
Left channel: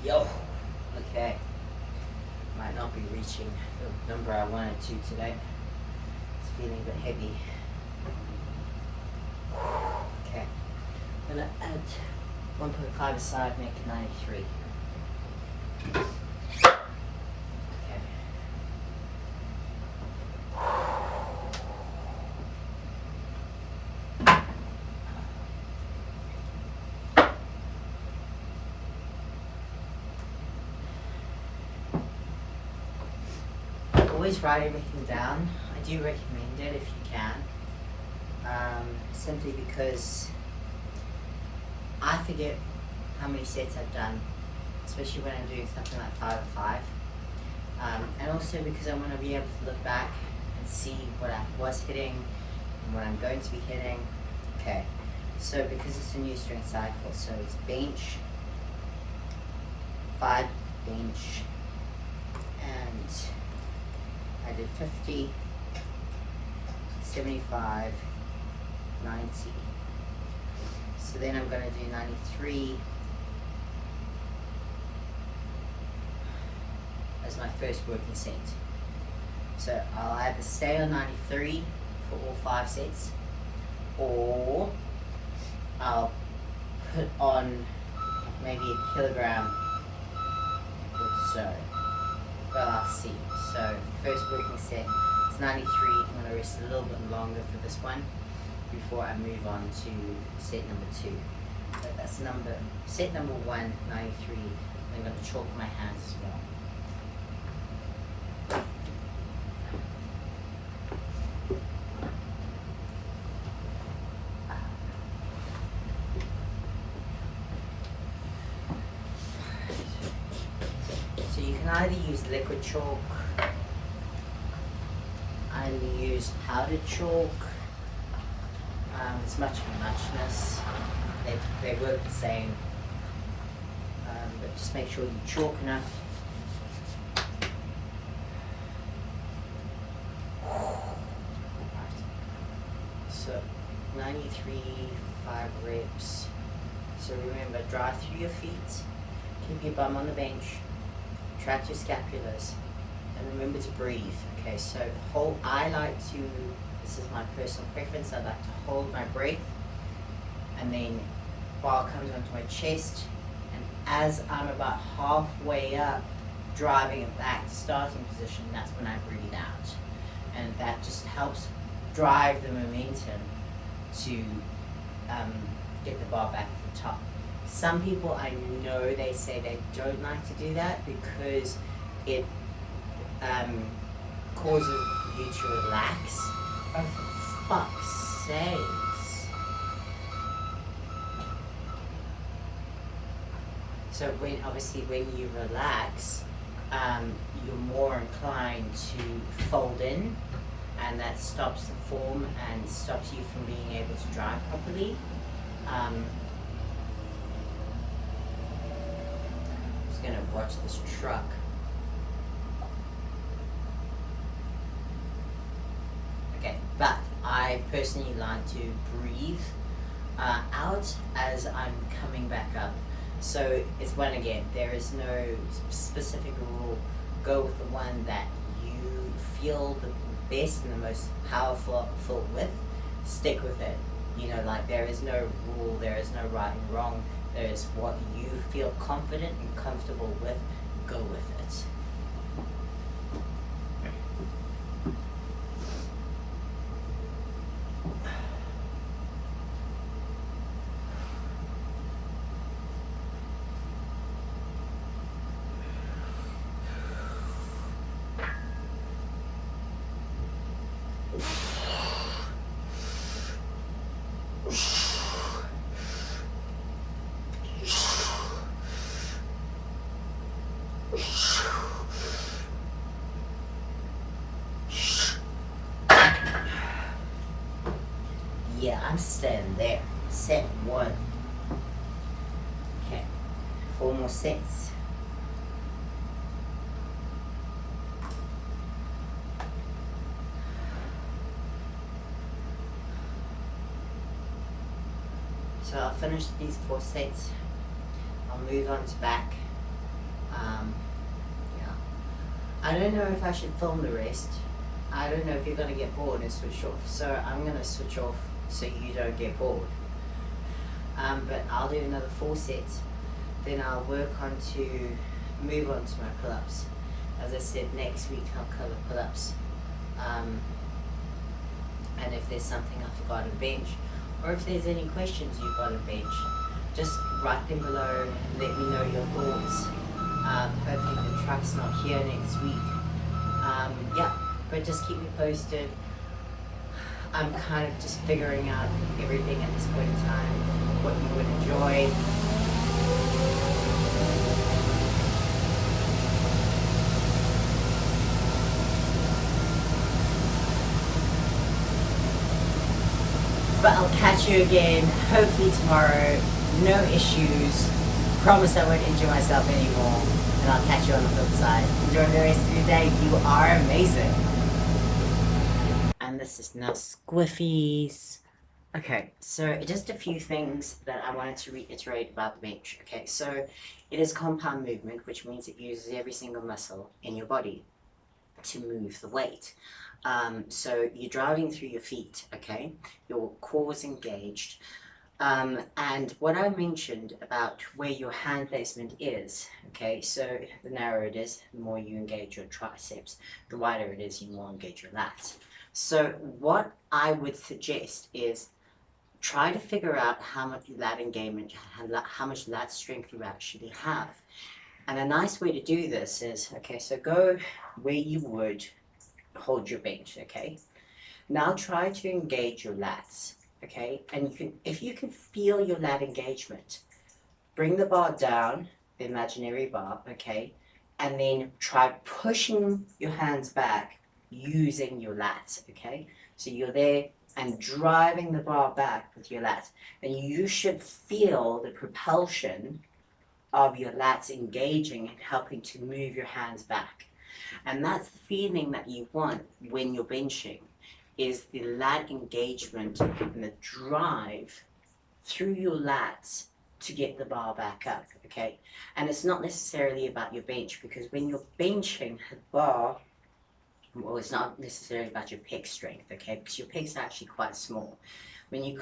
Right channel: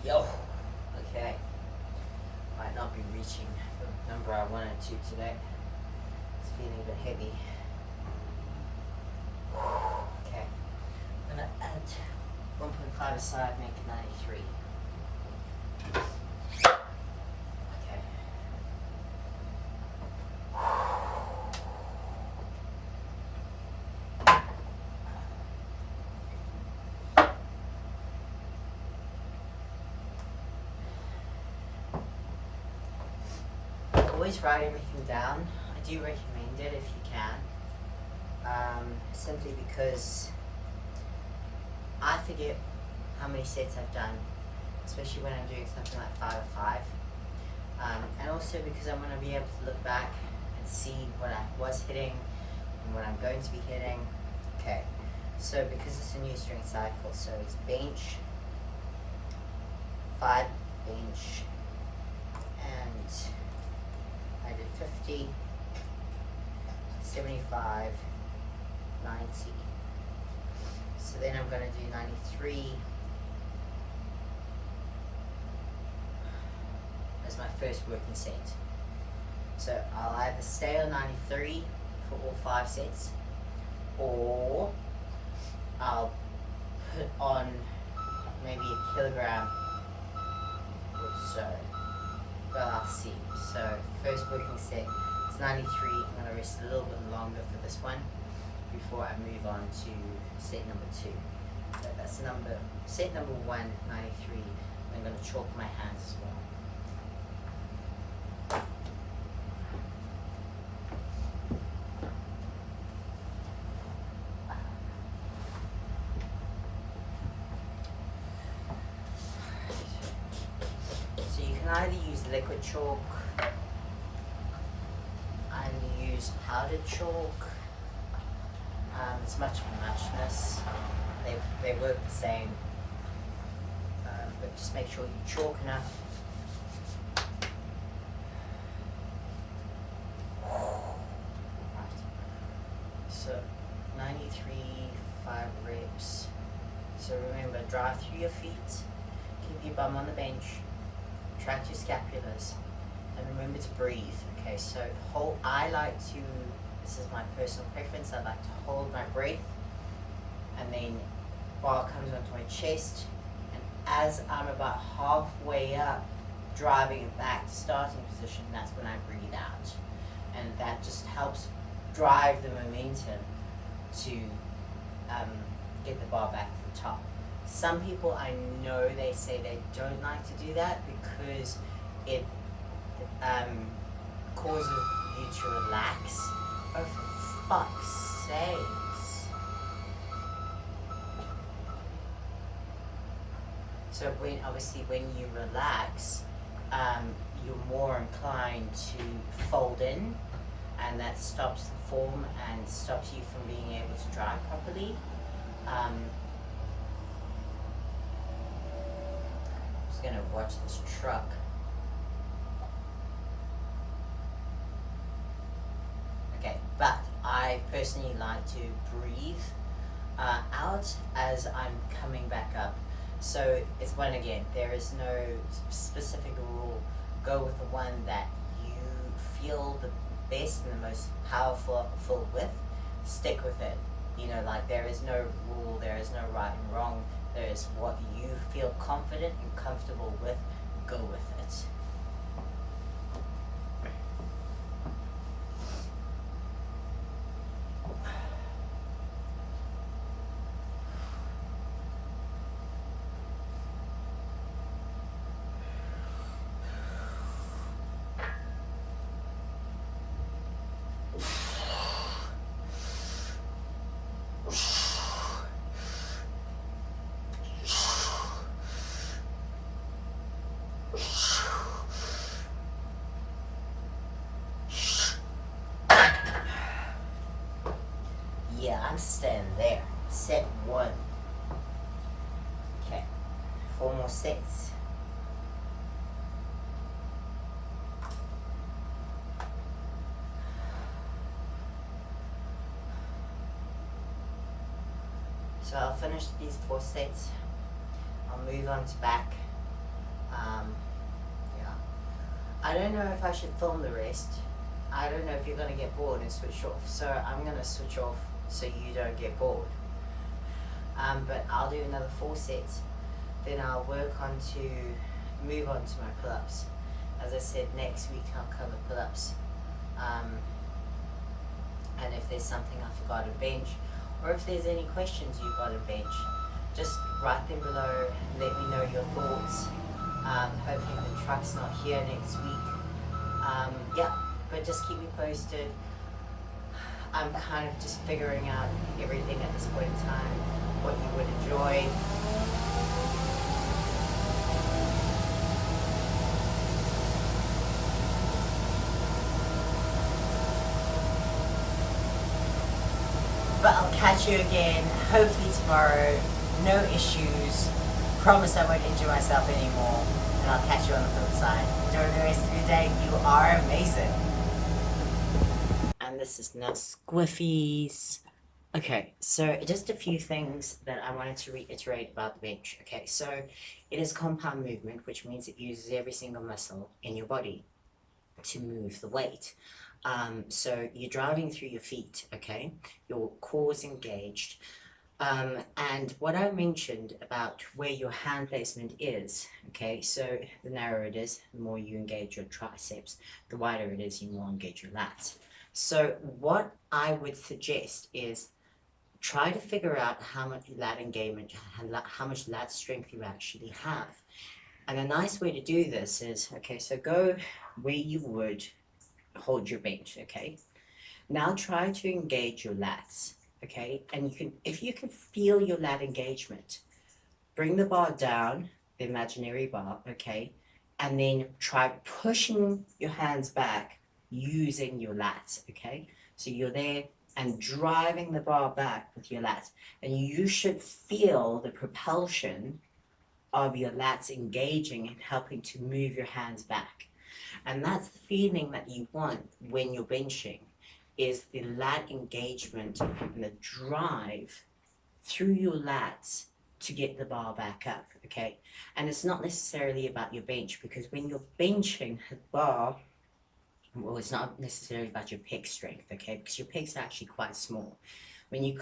Yo, okay, might not be reaching the number I wanted to today. It's feeling a bit heavy. Okay, I'm gonna add 1.5 aside, make it 93. Always write everything down. I do recommend it if you can, simply because I forget how many sets I've done, especially when I'm doing something like 5 of 5, and also because I want to be able to look back and see what I was hitting and what I'm going to be hitting. Okay, so because it's a new strength cycle, so it's bench, 5 bench, and I did 50, 75, 90. So then I'm going to do 93 as my first working set. So I'll either stay on 93 for all 5 sets, or I'll put on maybe a kilogram or so. But I'll see. So first working set is 93. I'm going to rest a little bit longer for this one before I move on to set number 2. So that's set number 1, 93. I'm going to chalk my hands as well. So you can either use liquid chalk, either use powdered chalk. It's much of a muchness. They work the same, but just make sure you chalk enough. So 93, 5 reps. So remember, drive through your feet, keep your bum on the bench, track your scapulars, and remember to breathe. Okay, so this is my personal preference, I like to hold my breath, and then bar comes onto my chest, and as I'm about halfway up, driving it back to starting position, that's when I breathe out. And that just helps drive the momentum to get the bar back to the top. Some people, I know they say they don't like to do that because it causes you to relax. Oh, for fuck's sakes. So when you relax, you're more inclined to fold in, and that stops the form and stops you from being able to drive properly. I'm just gonna watch this truck. Okay, but I personally like to breathe out as I'm coming back up. So it's when, again, there is no specific rule go with the one that you feel the best and the most powerful with. Stick with it. You know, like there is no rule, there is no right and wrong. There is what you feel confident and comfortable with. Go with it. Yeah, I'm staying there. Set 1. Okay, 4 more sets. So I'll finish these 4 sets. I'll move on to back. Yeah. I don't know if I should film the rest. I don't know if you're going to get bored and switch off. So I'm going to switch off so you don't get bored. But I'll do another 4 sets. Then I'll move on to my pull-ups. As I said, next week I'll cover pull-ups. And if there's something I forgot on bench, or if there's any questions you've got on bench, just write them below, let me know your thoughts. Hopefully the truck's not here next week. Yeah, but just keep me posted. I'm kind of just figuring out everything at this point in time, what you would enjoy. But I'll catch you again, hopefully tomorrow. No issues. Promise I won't injure myself anymore. And I'll catch you on the flip side. Enjoy the rest of your day. You are amazing. And this is now Squiffies. Okay, so just a few things that I wanted to reiterate about the bench. Okay, so it is compound movement, which means it uses every single muscle in your body to move the weight. So you're driving through your feet, okay? Your core's engaged. And what I mentioned about where your hand placement is, okay, so the narrower it is, the more you engage your triceps, the wider it is, you more engage your lats. So what I would suggest is try to figure out how much lat engagement, how much lat strength you actually have. And a nice way to do this is, okay, so go where you would hold your bench, okay? Now try to engage your lats, okay? And you can, if you can feel your lat engagement, bring the bar down, the imaginary bar, okay? And then try pushing your hands back using your lats, okay? So you're there and driving the bar back with your lats. And you should feel the propulsion of your lats engaging and helping to move your hands back. And that's the feeling that you want when you're benching, is the lat engagement and the drive through your lats to get the bar back up, okay? And it's not necessarily about your bench, because when you're benching the bar, well, it's not necessarily about your pec strength, okay? Because your pecs are actually quite small. When you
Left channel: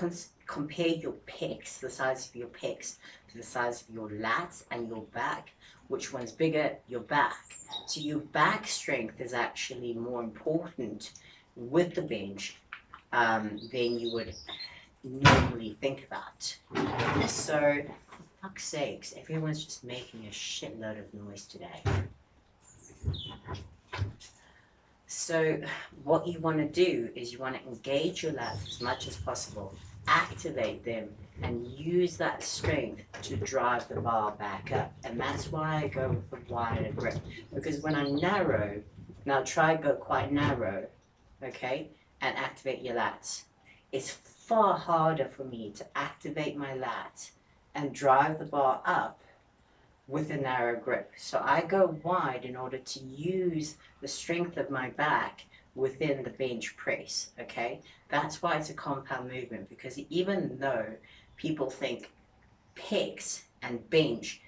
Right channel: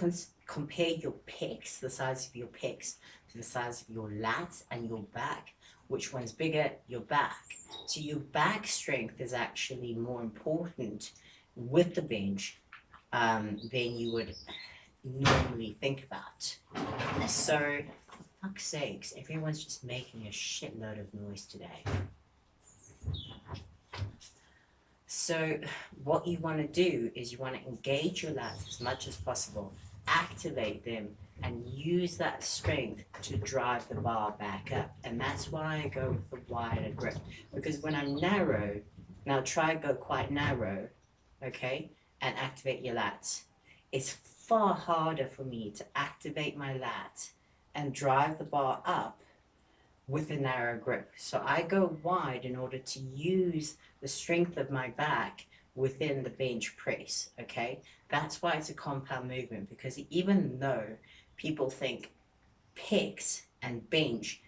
compare your pecs, the size of your pecs, to the size of your lats and your back, which one's bigger? Your back. So your back strength is actually more important with the bench than you would normally think about. So, for fuck's sakes, everyone's just making a shitload of noise today. So what you want to do is you want to engage your lats as much as possible, activate them, and use that strength to drive the bar back up. And that's why I go with the wider grip, because when I'm narrow, now try go quite narrow, okay, and activate your lats. It's far harder for me to activate my lats and drive the bar up with a narrow grip. So I go wide in order to use the strength of my back within the bench press, okay? That's why it's a compound movement, because even though people think pecs and bench,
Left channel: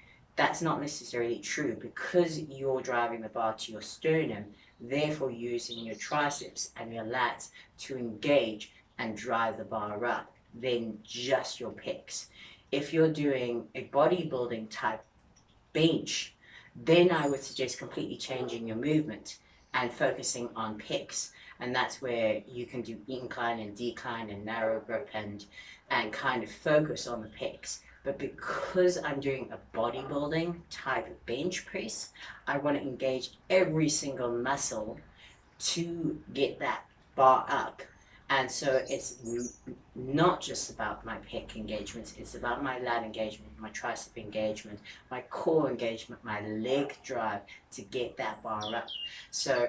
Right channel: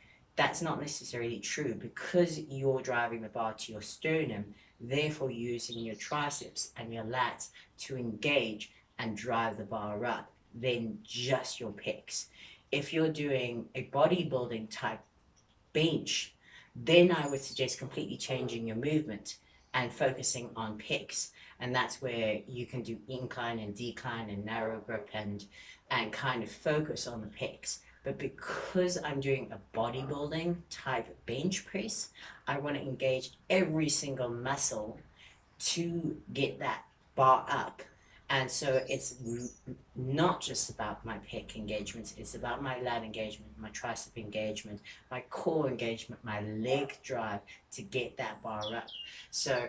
that's not necessarily true because you're driving the bar to your sternum, therefore using your triceps and your lats to engage and drive the bar up than just your pecs. If you're doing a bodybuilding type bench, then I would suggest completely changing your movement and focusing on pecs. And that's where you can do incline and decline and narrow grip and kind of focus on the pecs. But because I'm doing a bodybuilding type bench press, I want to engage every single muscle to get that bar up. And so it's not just about my pec engagements, it's about my lat engagement, my tricep engagement, my core engagement, my leg drive to get that bar up. So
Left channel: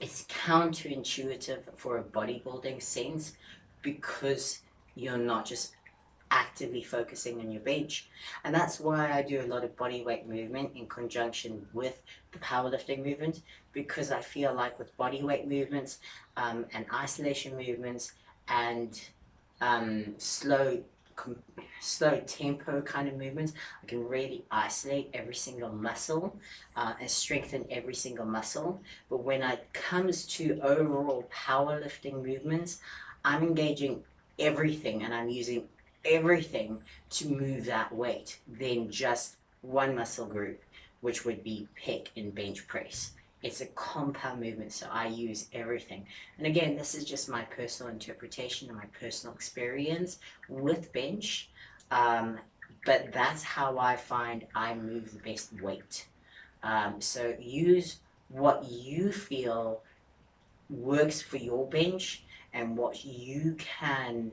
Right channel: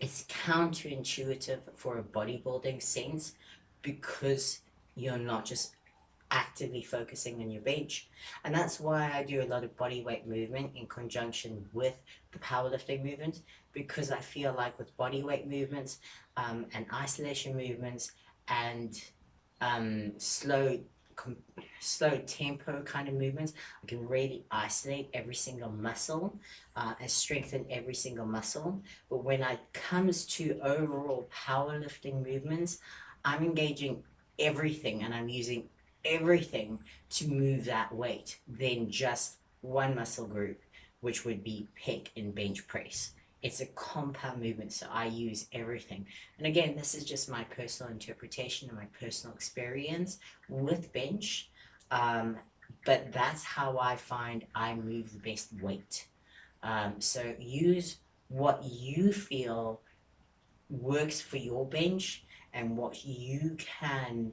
it's counterintuitive for a bodybuilding sense because you're not just actively focusing on your bench. And that's why I do a lot of body weight movement in conjunction with the powerlifting movement, because I feel like with body weight movements and isolation movements and slow tempo kind of movements, I can really isolate every single muscle and strengthen every single muscle. But when it comes to overall powerlifting movements, I'm engaging everything and I'm using everything to move that weight than just one muscle group, which would be pec and bench press. It's a compound movement, so I use everything. And again, this is just my personal interpretation and my personal experience with bench, but that's how I find I move the best weight. So use what you feel works for your bench and what you can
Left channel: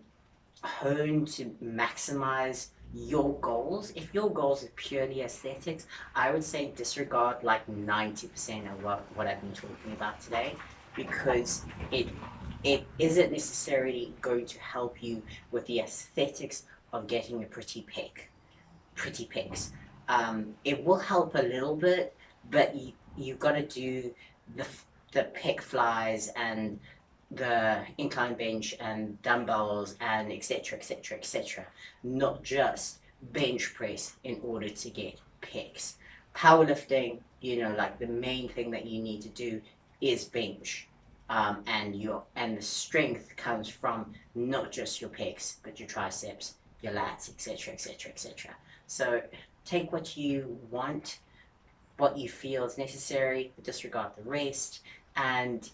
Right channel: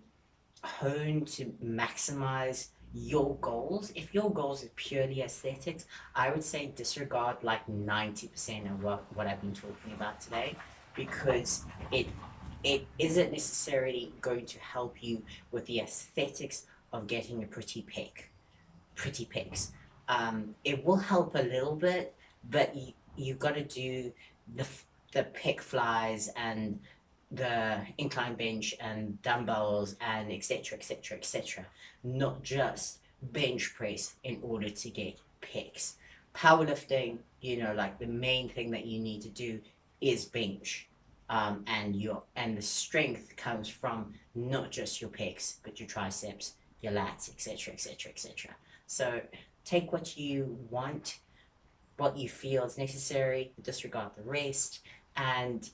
hone to maximize your goals. If your goals are purely aesthetics, I would say disregard like 90% of what I've been talking about today, because it isn't necessarily going to help you with the aesthetics of getting a pretty pecs. It will help a little bit, but you've got to do the pec flies and the incline bench and dumbbells and etc, not just bench press in order to get pecs. Powerlifting, like the main thing that you need to do is bench, and the strength comes from not just your pecs but your triceps, your lats, etc. So take what you want, what you feel is necessary, disregard the rest, and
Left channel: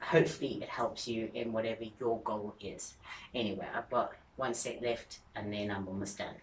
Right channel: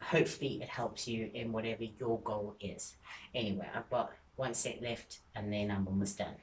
hopefully it helps you in whatever your goal is. Anyway, I've got one set left and then I'm almost done.